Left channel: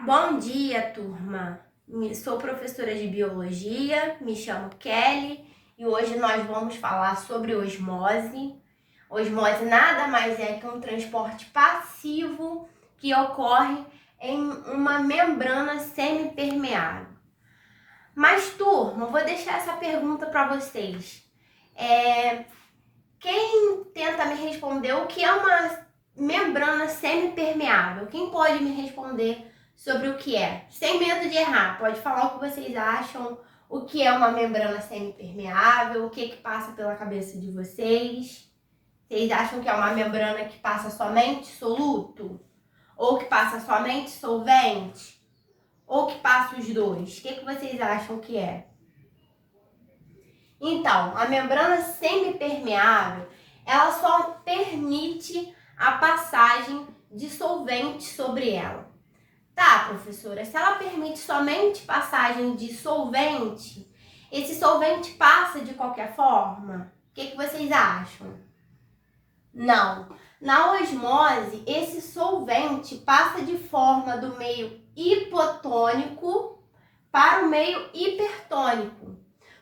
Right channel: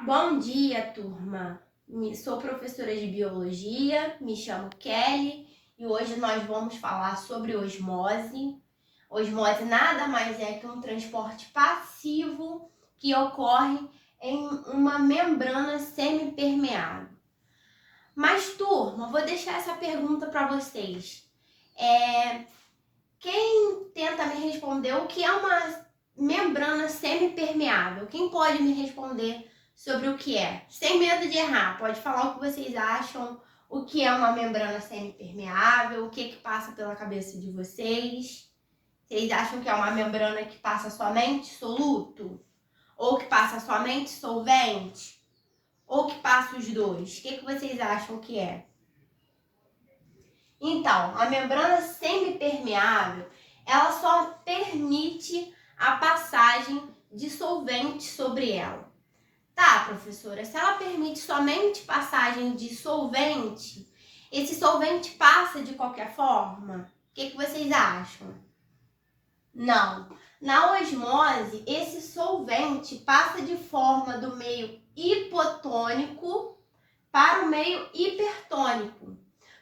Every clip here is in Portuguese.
Bom dia, turma! Sou professora de biologia, me chamo Kelly e hoje nós vamos falar sobre osmose. Osmose nada mais é que um transporte passivo que ocorre em uma membrana semipermeável. Mas, turma, vou deixar essa pergunta para vocês. Quem tenta me responder o que é uma membrana semipermeável? Quem pode me responder sobre o que é? Sem medo de errar, pode falar o que vocês acham, o que é uma membrana semipermeável, o que passa pela cabeça de vocês. Vocês acham que é uma membrana que passa somente soluto? Ou que passa somente solvente? Ou que passa os dois? O que vocês acham que é? Então, a membrana semipermeável, ela só permite a passagem de solvente sobre ela. Tá, professora, se ela permite somente passagem de solvente, esse solvente passa de qualquer forma? O que vocês acham? Não. Na osmose, esse solvente passa de forma do meio hipotônico para o meio hipertônico.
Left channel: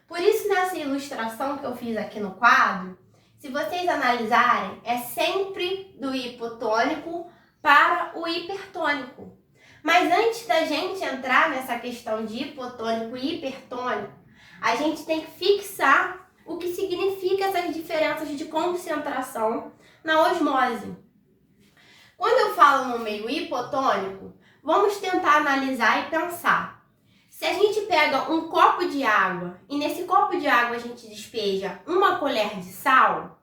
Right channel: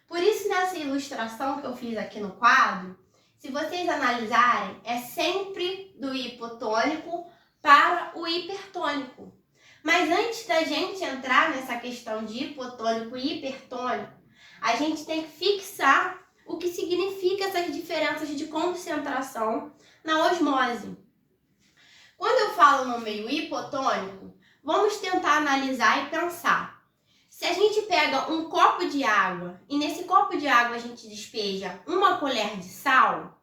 Por isso, nessa ilustração que eu fiz aqui no quadro, se vocês analisarem, é sempre do hipotônico para o hipertônico. Mas antes da gente entrar nessa questão de hipotônico e hipertônico, a gente tem que fixar o que significa essas diferenças de concentração na osmose. Quando eu falo no meio hipotônico, vamos tentar analisar e pensar. Se a gente pega um copo de água e nesse copo de água a gente despeja uma colher de sal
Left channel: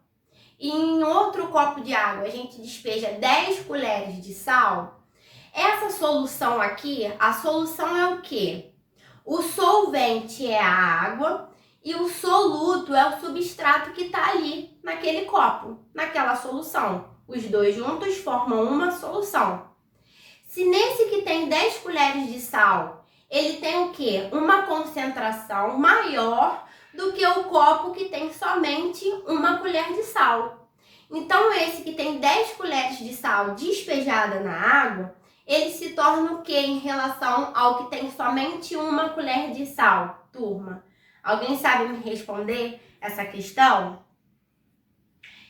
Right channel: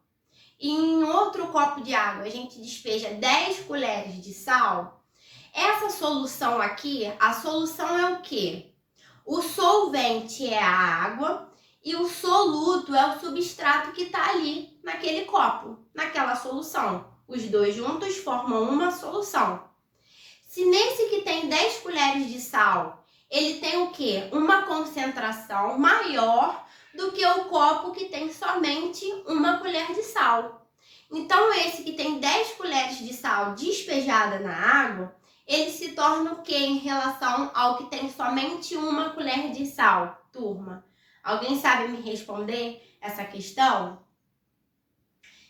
e em outro copo de água a gente despeja 10 colheres de sal, essa solução aqui, a solução é o quê? O solvente é a água e o soluto é o substrato que está ali naquele copo, naquela solução. Os dois juntos formam uma solução. Se nesse que tem 10 colheres de sal, ele tem o quê? Uma concentração maior do que o copo que tem somente uma colher de sal. Então, esse que tem 10 colheres de sal despejada na água, ele se torna o quê em relação ao que tem somente uma colher de sal, turma? Alguém sabe me responder essa questão?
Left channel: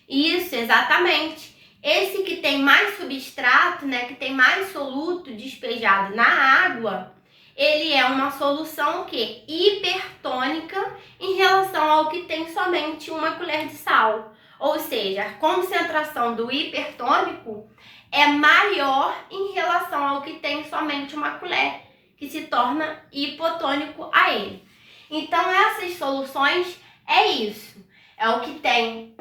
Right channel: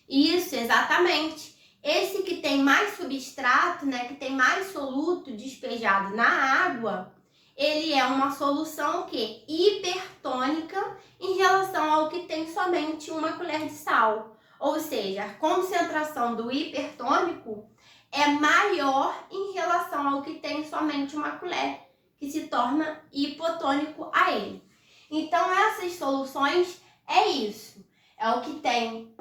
Isso, exatamente. Esse que tem mais substrato, que tem mais soluto despejado na água, ele é uma solução que hipertônica em relação ao que tem somente uma colher de sal. Ou seja, a concentração do hipertônico é maior em relação ao que tem somente uma colher, que se torna hipotônico a ele. Então, essas soluções é isso. É o que tem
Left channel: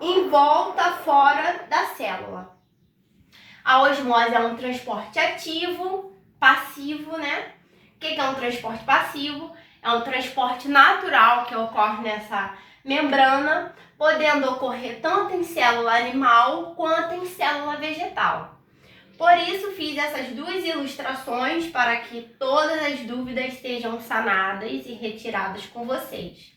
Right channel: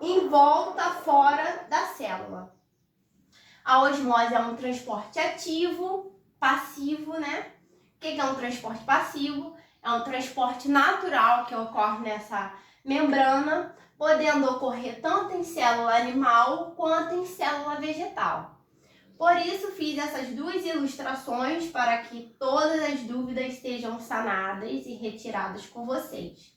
em volta, fora da célula. A osmose é um transporte ativo, passivo, O que é um transporte passivo? É um transporte natural que ocorre nessa membrana, podendo ocorrer tanto em célula animal quanto em célula vegetal. Por isso, fiz essas duas ilustrações para que todas as dúvidas sejam sanadas e retiradas com vocês.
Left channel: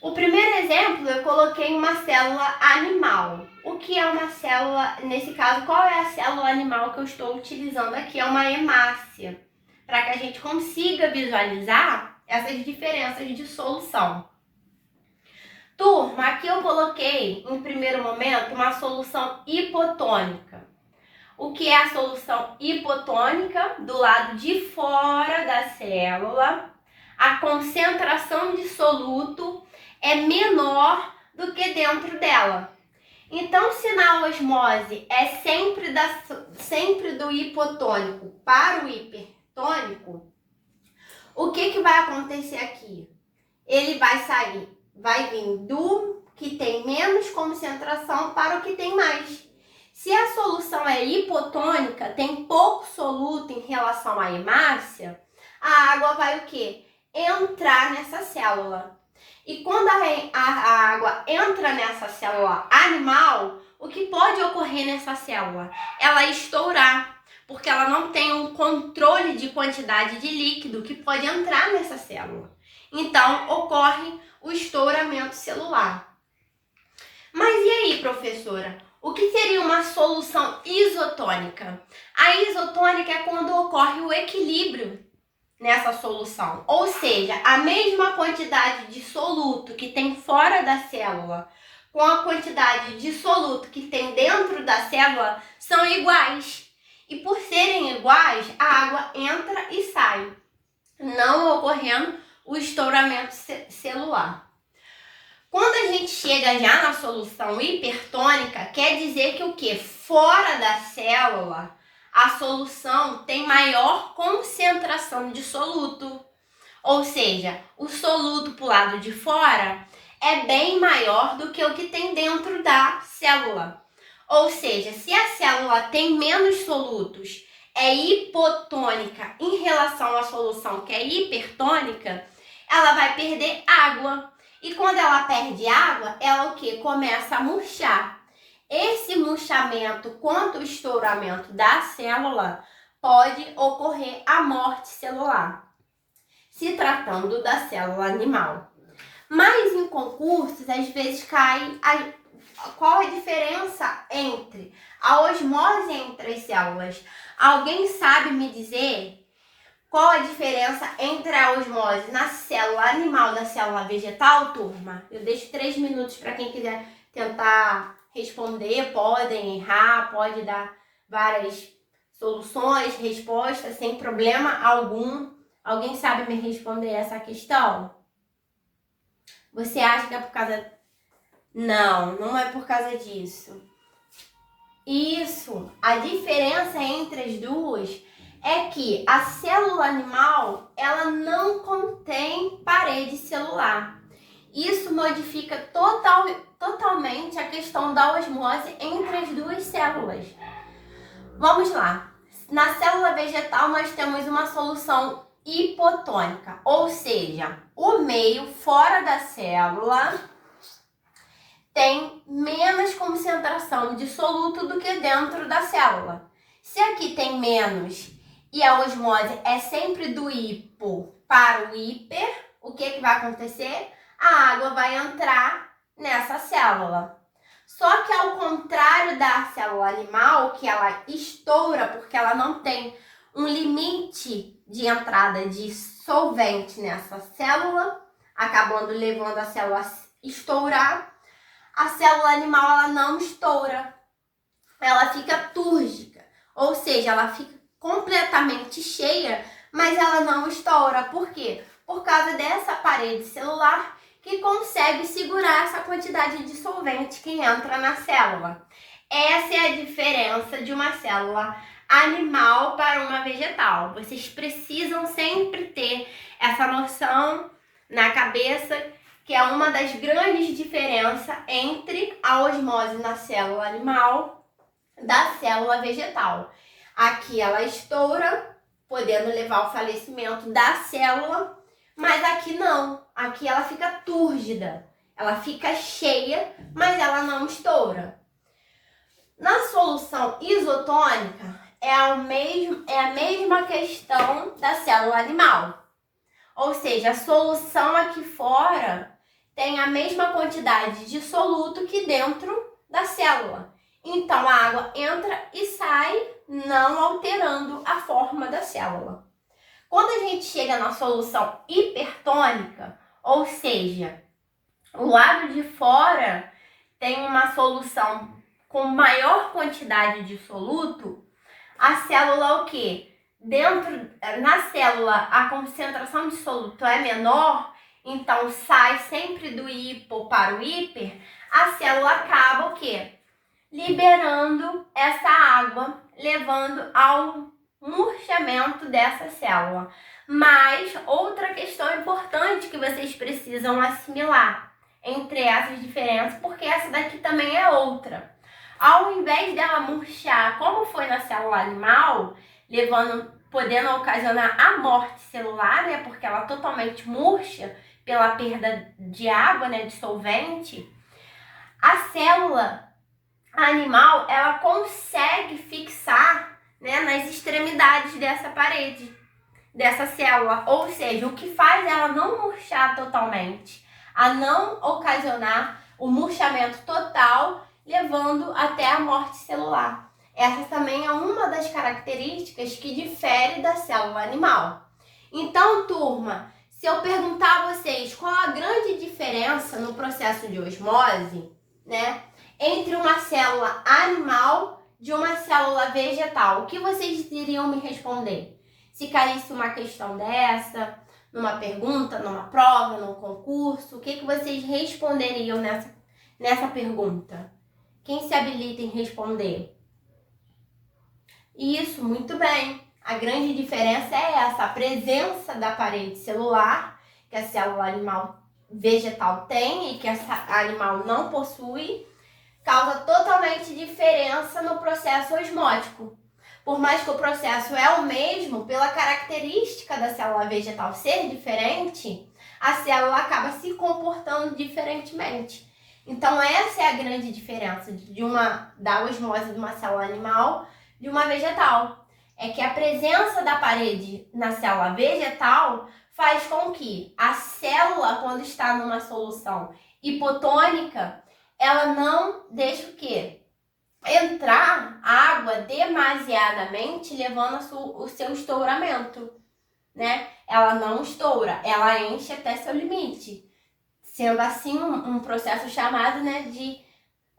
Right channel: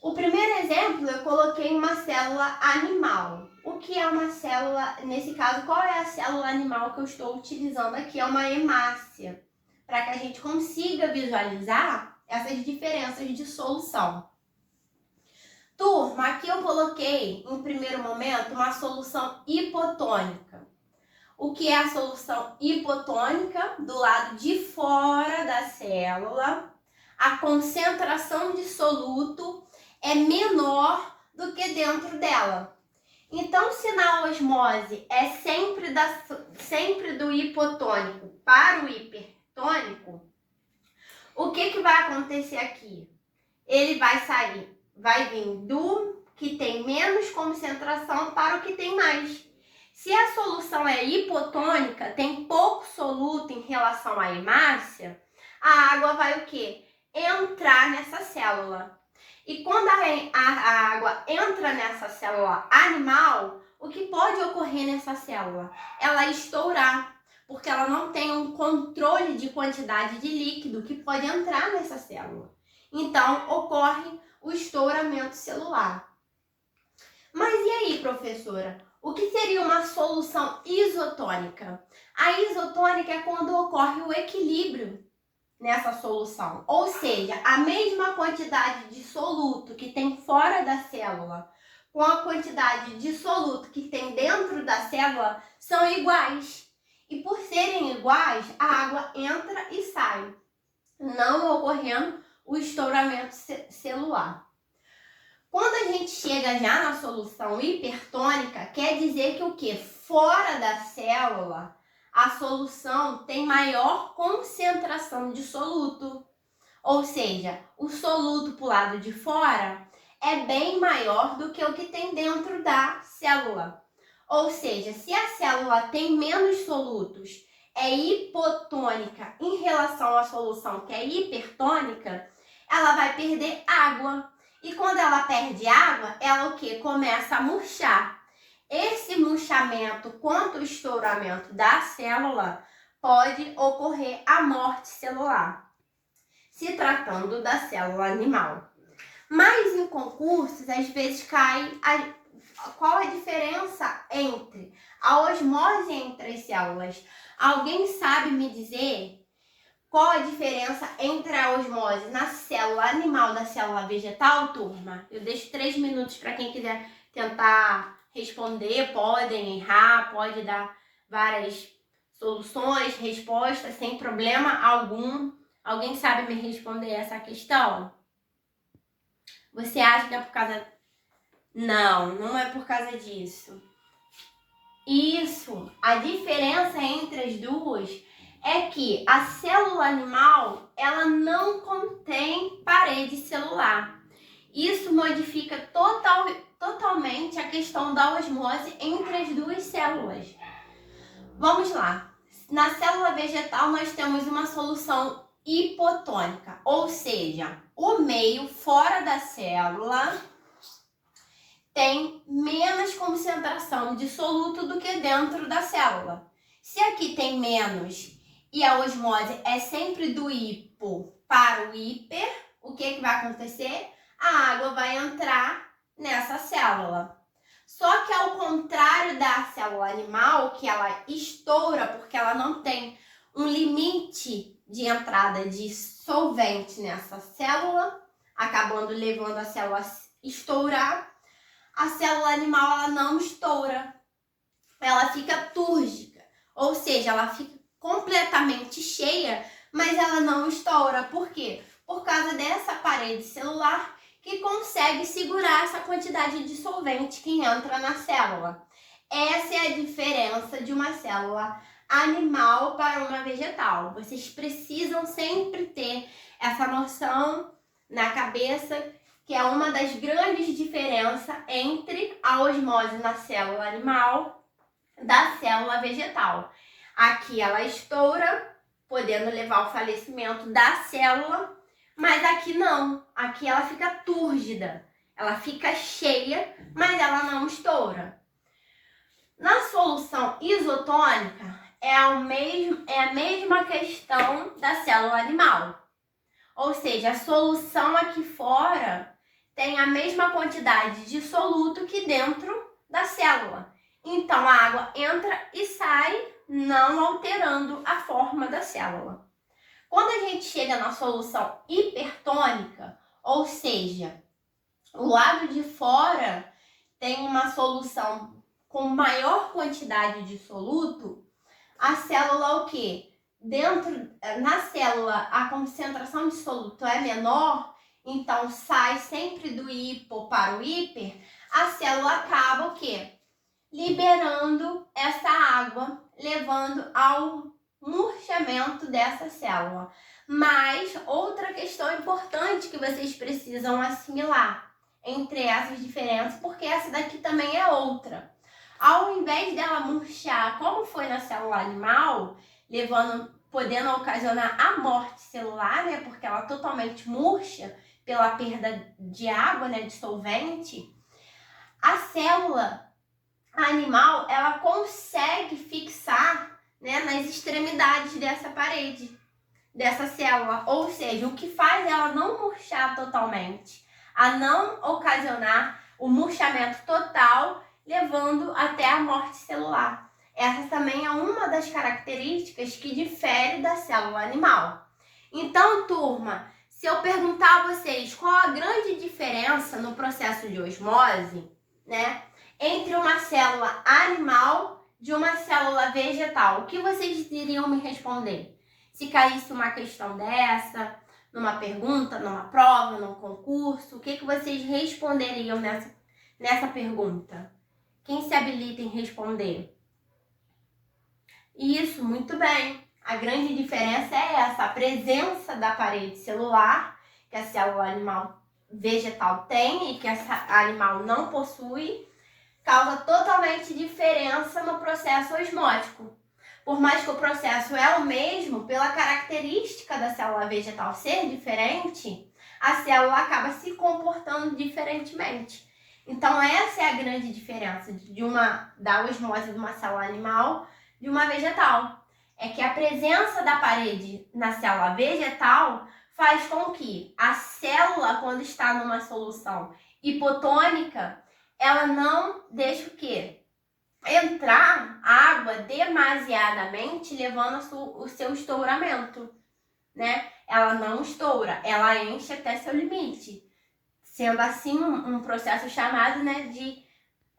O primeiro exemplo, eu coloquei uma célula animal. O que é uma célula, nesse caso, qual é a célula animal que eu estou utilizando aqui? É uma hemácia, para que a gente consiga visualizar essas diferenças de solução. Turma, aqui eu coloquei, em primeiro momento, uma solução hipotônica. O que é a solução hipotônica? Do lado de fora da célula, a concentração de soluto é menor do que dentro dela. Então, se na osmose é sempre do hipotônico para o hipertônico, o que vai acontecer aqui? Ele vai vir do que tem menos concentração para o que tem mais. Se a solução é hipotônica, tem pouco soluto em relação à hemácia, a água vai o quê? Entrar nessa célula. E quando a água entra nessa célula animal, o que pode ocorrer nessa célula? Ela estourar, porque ela não tem um controle de quantidade de líquido que pode entrar nessa célula. Então, ocorre o estouramento celular. Mas e aí, professora? O que seria uma solução isotônica? A isotônica é quando ocorre o equilíbrio nessa solução, ou seja, a mesma quantidade de soluto que tem fora da célula com a quantidade de soluto que tem dentro da célula são iguais. E por serem iguais, a água entra e sai, não ocorrendo o estouramento celular. Quando a gente chega já na solução hipertônica, quer dizer que o quê? Fora da célula, a solução tem maior concentração de soluto. Ou seja, o soluto para o lado de fora é bem maior do que o que tem dentro da célula. Ou seja, se a célula tem menos solutos, é hipotônica em relação à solução que é hipertônica, ela vai perder água. E quando ela perde água, ela o quê? Começa a murchar. Esse murchamento quanto o estouramento da célula pode ocorrer a morte celular, se tratando da célula animal. Mas em concursos, às vezes cai qual a diferença entre a osmose entre as células? Alguém sabe me dizer qual a diferença entre a osmose na célula animal e na célula vegetal, turma? Eu deixo 3 minutos para quem quiser tentar responder. Podem errar, pode dar várias soluções, respostas, sem problema algum. Alguém sabe me responder essa questão? Você acha que é por causa... Não, não é por causa disso. Isso, a diferença entre as duas é que a célula animal, ela não contém parede celular. Isso modifica totalmente a questão da osmose entre as duas células. Vamos lá. Na célula vegetal, nós temos uma solução hipotônica, ou seja, o meio fora da célula tem menos concentração de soluto do que dentro da célula. Se aqui tem menos e a osmose é sempre do hipo para o hiper, o que vai acontecer? A água vai entrar nessa célula. Só que ao contrário da célula animal, que ela estoura porque ela não tem um limite de entrada de solvente nessa célula, acabando levando a célula a estourar, a célula animal ela não estoura, ela fica túrgica, ou seja, ela fica completamente cheia, mas ela não estoura. Por quê? Por causa dessa parede celular que consegue segurar essa quantidade de solvente que entra na célula. Essa é a diferença de uma célula animal para uma vegetal. Vocês precisam sempre ter essa noção na cabeça, que é uma das grandes diferenças entre a osmose na célula animal da célula vegetal. Aqui ela estoura, podendo levar ao falecimento da célula, mas aqui não. Aqui ela fica túrgida, ela fica cheia, mas ela não estoura. Na solução isotônica, é a mesma questão da célula animal. Ou seja, a solução aqui fora tem a mesma quantidade de soluto que dentro da célula. Então, a água entra e sai, não alterando a forma da célula. Quando a gente chega na solução hipertônica, ou seja, o lado de fora tem uma solução com maior quantidade de soluto, a célula o quê? Na célula, a concentração de soluto é menor, então sai sempre do hipo para o hiper, a célula acaba o quê? Liberando essa água, levando ao murchamento dessa célula. Mas outra questão importante que vocês precisam assimilar entre essas diferenças, porque essa daqui também é outra. Ao invés dela murchar, como foi na célula animal, podendo ocasionar a morte celular, né, porque ela totalmente murcha pela perda de água, né, de solvente, a célula animal, ela consegue fixar, né, nas extremidades dessa parede, dessa célula. Ou seja, o que faz ela não murchar totalmente, a não ocasionar o murchamento total levando até a morte celular. Essa também é uma das características que difere da célula animal. Então, turma, se eu perguntar a vocês qual a grande diferença no processo de osmose, né, entre uma célula animal de uma célula vegetal, o que vocês iriam me responder? Se caísse uma questão dessa, numa pergunta, numa prova, num concurso, o que vocês responderiam nessa pergunta? Quem se habilita em responder? Isso, muito bem. A grande diferença é essa, a presença da parede celular, que a célula animal vegetal tem e que a animal não possui, causa totalmente diferença no processo osmótico. Por mais que o processo é o mesmo, pela característica da célula vegetal ser diferente, a célula acaba se comportando diferentemente. Então, essa é a grande diferença da osmose de uma célula animal de uma vegetal. É que a presença da parede na célula vegetal faz com que a célula, quando está numa solução hipotônica, ela não deixa o quê? Entrar água demasiadamente, levando o seu estouramento, né? Ela não estoura, ela enche até seu limite. Sendo assim um processo chamado, né,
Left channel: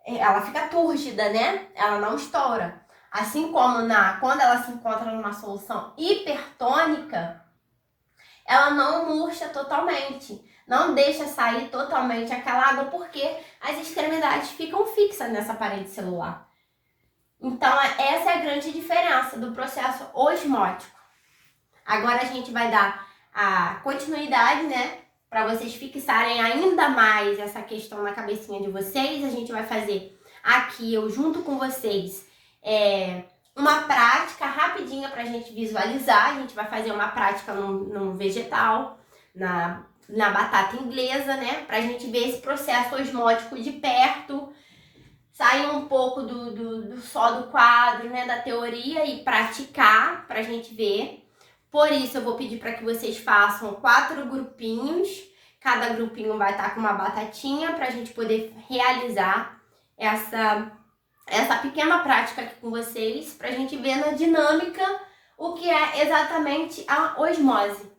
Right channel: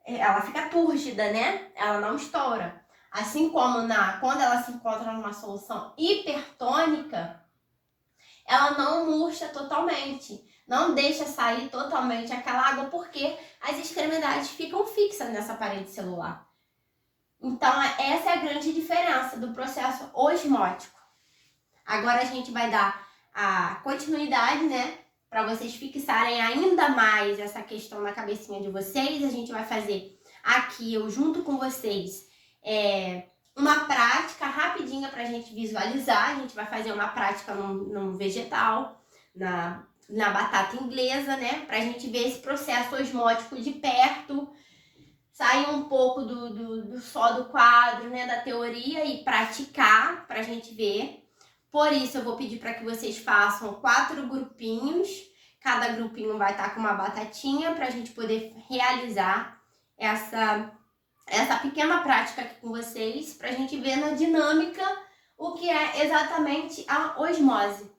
ela fica túrgida, né? Ela não estoura. Assim como quando ela se encontra numa solução hipertônica, ela não murcha totalmente, não deixa sair totalmente aquela água, porque as extremidades ficam fixas nessa parede celular. Então, essa é a grande diferença do processo osmótico. Agora a gente vai dar a continuidade, né? Para vocês fixarem ainda mais essa questão na cabecinha de vocês. A gente vai fazer aqui, eu junto com vocês, uma prática rapidinha para a gente visualizar. A gente vai fazer uma prática num vegetal, na batata inglesa, né? Para a gente ver esse processo osmótico de perto, sair um pouco só do quadro, né? Da teoria e praticar para a gente ver. Por isso, eu vou pedir para que vocês façam 4 grupinhos. Cada grupinho vai estar com uma batatinha para a gente poder realizar essa pequena prática aqui com vocês, para a gente ver na dinâmica o que é exatamente a osmose.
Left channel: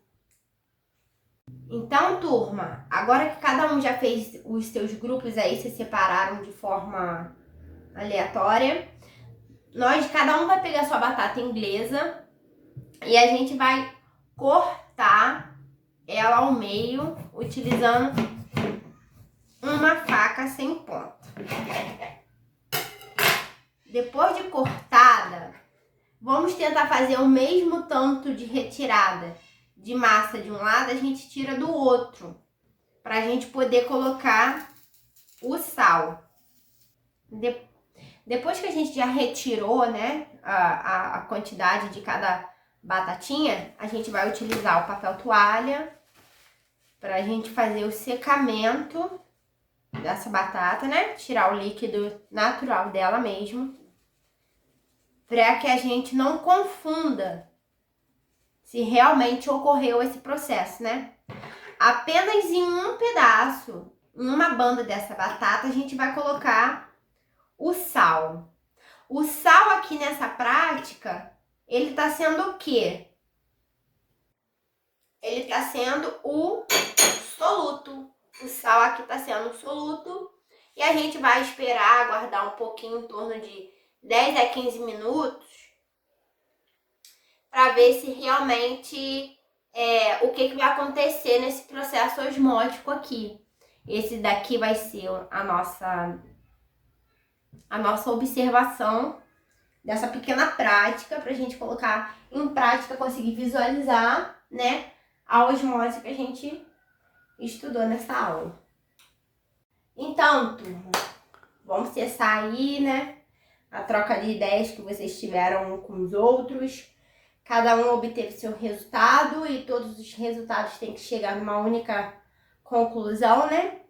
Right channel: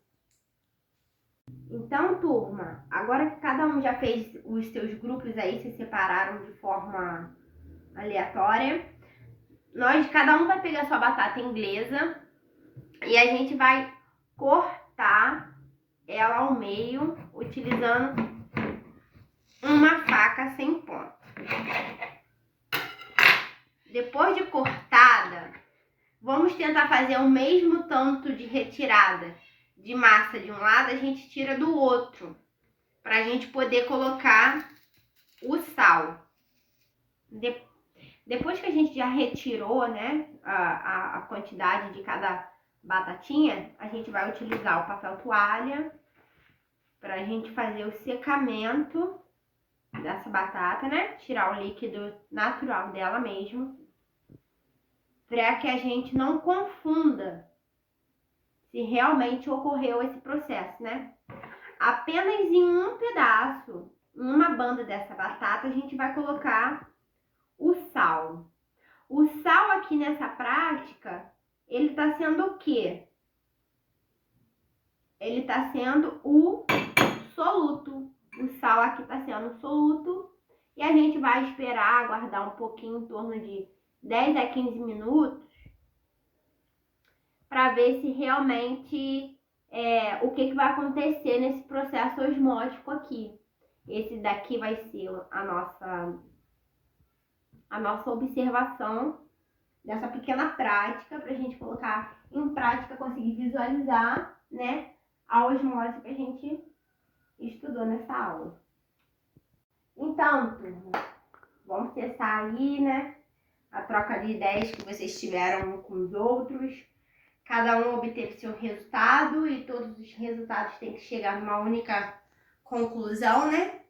Então, turma, agora que cada um já fez os seus grupos aí, se separaram de forma aleatória, cada um vai pegar sua batata inglesa e a gente vai cortar ela ao meio utilizando uma faca sem ponta. Depois de cortada, vamos tentar fazer o mesmo tanto de retirada de massa de um lado, a gente tira do outro, para a gente poder colocar o sal. Depois que a gente já retirou, né, a quantidade de cada batatinha, a gente vai utilizar o papel toalha para a gente fazer o secamento dessa batata, né? Tirar o líquido natural dela mesmo, para que a gente não confunda se realmente ocorreu esse processo, né? Apenas em um pedaço, em uma banda dessa batata, a gente vai colocar o sal. O sal aqui nessa prática, ele tá sendo o quê? Ele tá sendo o soluto. O sal aqui tá sendo o soluto. E a gente vai esperar, aguardar um pouquinho, em torno de 10 a 15 minutos, para ver se realmente o que vai acontecer nesse processo osmótico aqui. Esse daqui vai ser a nossa observação dessa pequena prática, para a gente colocar em prática, conseguir visualizar, né, a osmose que a gente estudou nessa aula. Então, turma, vamos cessar aí, né, a troca de ideias que vocês tiveram com os outros. Cada um obteve seu resultado e todos os resultados têm que chegar numa única conclusão, né?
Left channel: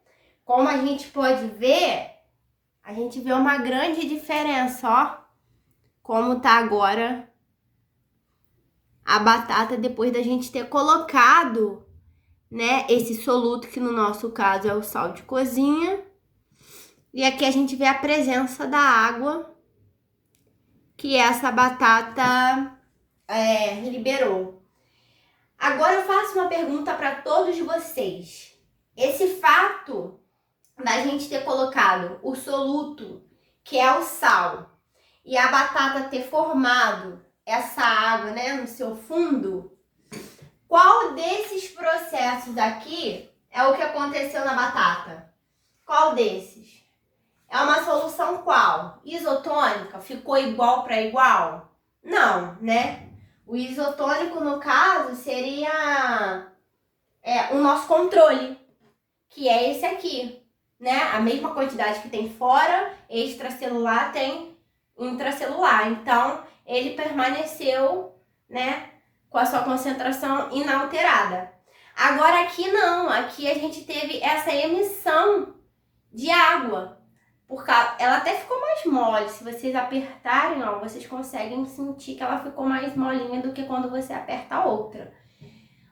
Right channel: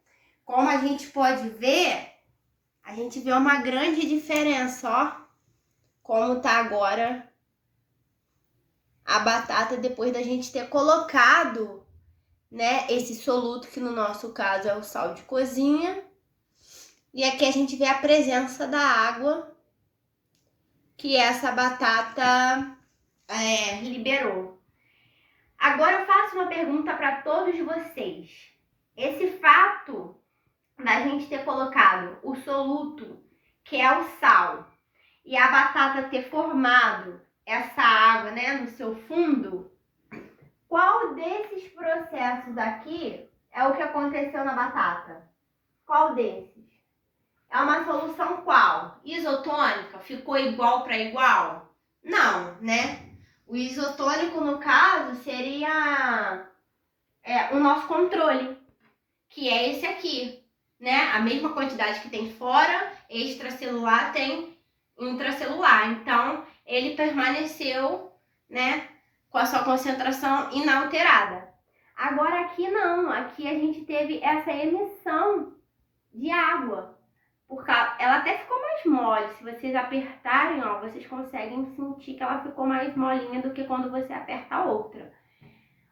Como a gente pode ver, a gente vê uma grande diferença, ó. Como tá agora a batata depois da gente ter colocado, né, esse soluto, que no nosso caso é o sal de cozinha. E aqui a gente vê a presença da água que essa batata liberou. Agora eu faço uma pergunta para todos vocês. Esse fato da gente ter colocado o soluto, que é o sal, e a batata ter formado essa água, né, no seu fundo, qual desses processos aqui é o que aconteceu na batata? Qual desses? É uma solução qual? Isotônica? Ficou igual para igual? Não, né? O isotônico, no caso, seria o nosso controle, que é esse aqui, né? A mesma quantidade que tem fora, extracelular tem intracelular. Então, ele permaneceu, né, com a sua concentração inalterada. Agora aqui não, aqui a gente teve essa emissão de água. Porque ela até ficou mais mole. Se vocês apertarem, ó, vocês conseguem sentir que ela ficou mais molinha do que quando você aperta a outra.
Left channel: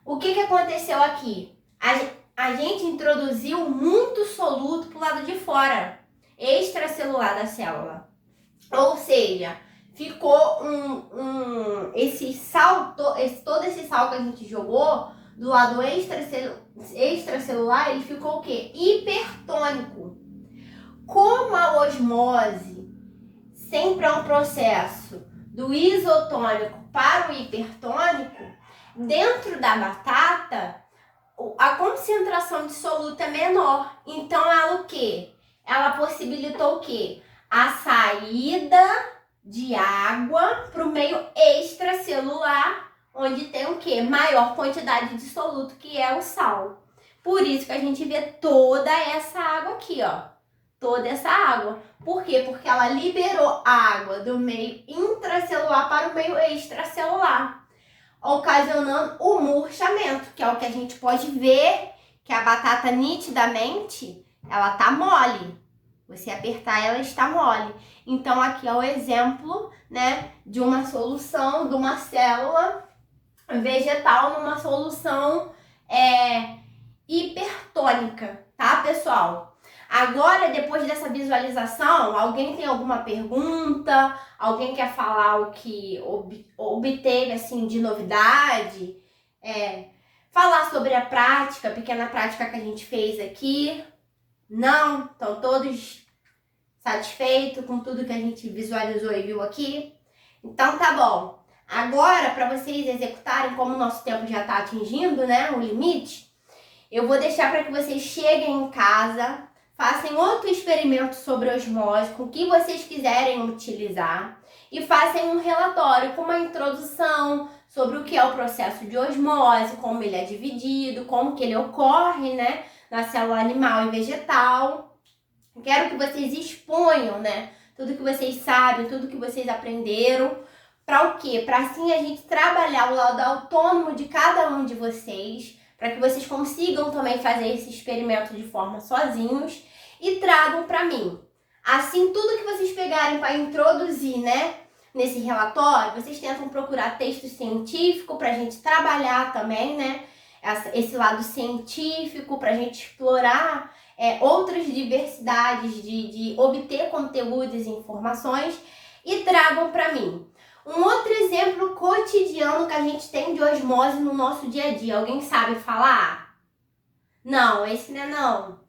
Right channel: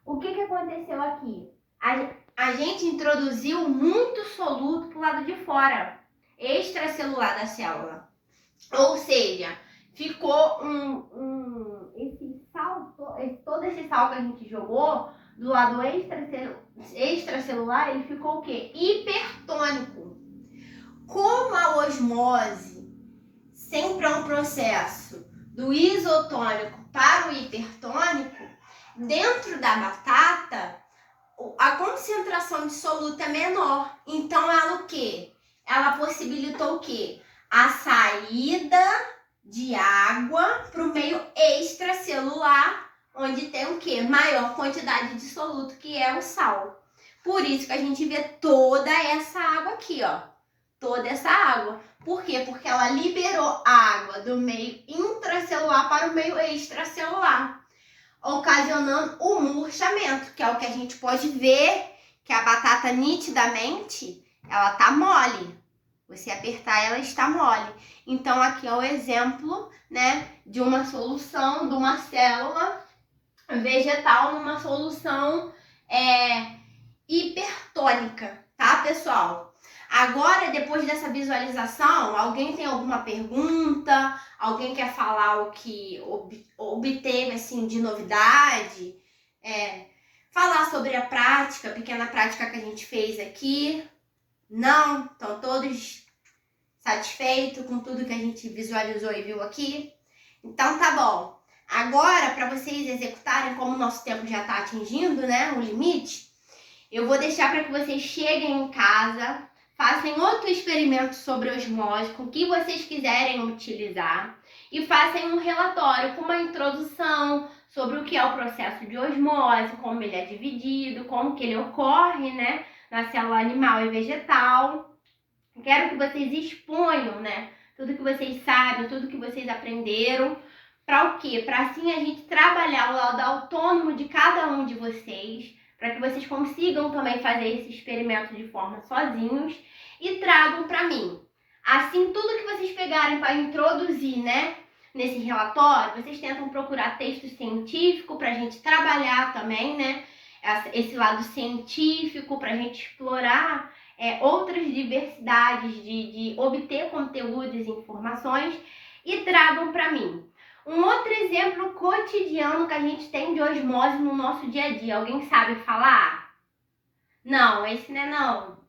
O que aconteceu aqui? A gente introduziu muito soluto pro lado de fora, extracelular da célula. Ou seja, ficou todo esse sal que a gente jogou do lado extracelular, ele ficou o quê? Hipertônico. Como a osmose sempre é um processo do isotônico para o hipertônico, dentro da batata, a concentração de soluto é menor. Então, ela o quê? Ela possibilitou o quê? A saída de água para o meio extracelular, onde tem o quê? Maior quantidade de soluto, que é o sal. Por isso que a gente vê toda essa água aqui, ó. Toda essa água. Por quê? Porque ela liberou água do meio intracelular para o meio extracelular, ocasionando o murchamento, que é o que a gente pode ver, que a batata nitidamente, ela tá mole. Você apertar, ela está mole. Então, aqui é o exemplo, né, de uma solução, de uma célula vegetal numa solução hipertônica, tá, pessoal? Agora, depois dessa visualização, alguém tem alguma pergunta? Alguém quer falar o que obteve, assim, de novidade? Falar sobre a prática, a pequena prática que a gente fez aqui? Não? Estão todos satisfeitos com tudo que a gente visualizou e viu aqui? Então, tá bom. Agora, para vocês executarem, como o nosso tempo já está atingindo, né, o limite, eu vou deixar para que vocês cheguem em casa, façam outro experimento sobre osmose, com o que vocês quiserem utilizar, e façam um relatório com uma introdução sobre o que é o processo de osmose, como ele é dividido, como que ele ocorre, né, na célula animal e vegetal. Quero que vocês exponham, né, tudo que vocês sabem, tudo que vocês aprenderam. Para o quê? Para assim a gente trabalhar o lado autônomo de cada um de vocês, para que vocês consigam também fazer esse experimento de forma sozinhos e tragam para mim. Assim, tudo que vocês pegarem para introduzir, né, nesse relatório, vocês tentam procurar texto científico para a gente trabalhar também, né, esse lado científico, para a gente explorar outras diversidades de obter conteúdos e informações, e tragam para mim. Um outro exemplo cotidiano que a gente tem de osmose no nosso dia a dia. Alguém sabe falar? Não, esse não é não.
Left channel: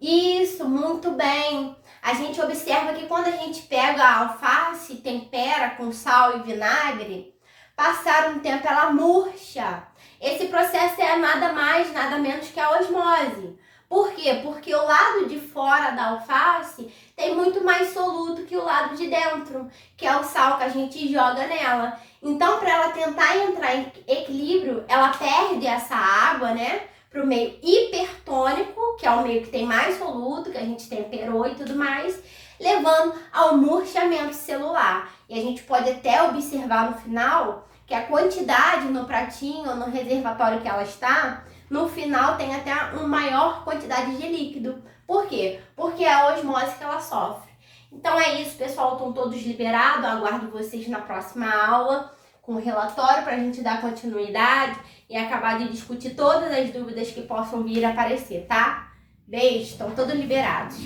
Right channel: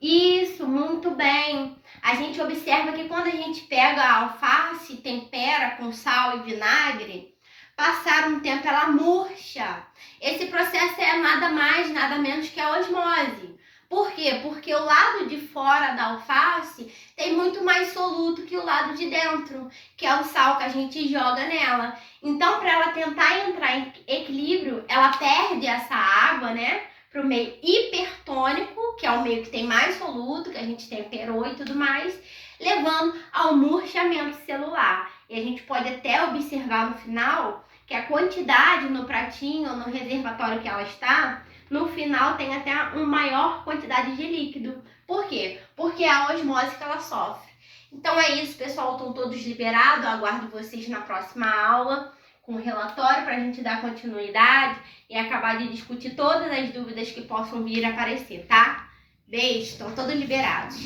Isso, muito bem. A gente observa que quando a gente pega a alface, tempera com sal e vinagre, passar um tempo ela murcha. Esse processo é nada mais, nada menos que a osmose. Por quê? Porque o lado de fora da alface tem muito mais soluto que o lado de dentro, que é o sal que a gente joga nela. Então, para ela tentar entrar em equilíbrio, ela perde essa água, né, para o meio hipertônico, que é o meio que tem mais soluto, que a gente temperou e tudo mais, levando ao murchamento celular. E a gente pode até observar no final que a quantidade no pratinho ou no reservatório que ela está, no final tem até uma maior quantidade de líquido. Por quê? Porque é a osmose que ela sofre. Então é isso, pessoal. Estão todos liberados. Aguardo vocês na próxima aula com o relatório para a gente dar continuidade e acabar de discutir todas as dúvidas que possam vir a aparecer, tá? Beijo, estão todos liberados.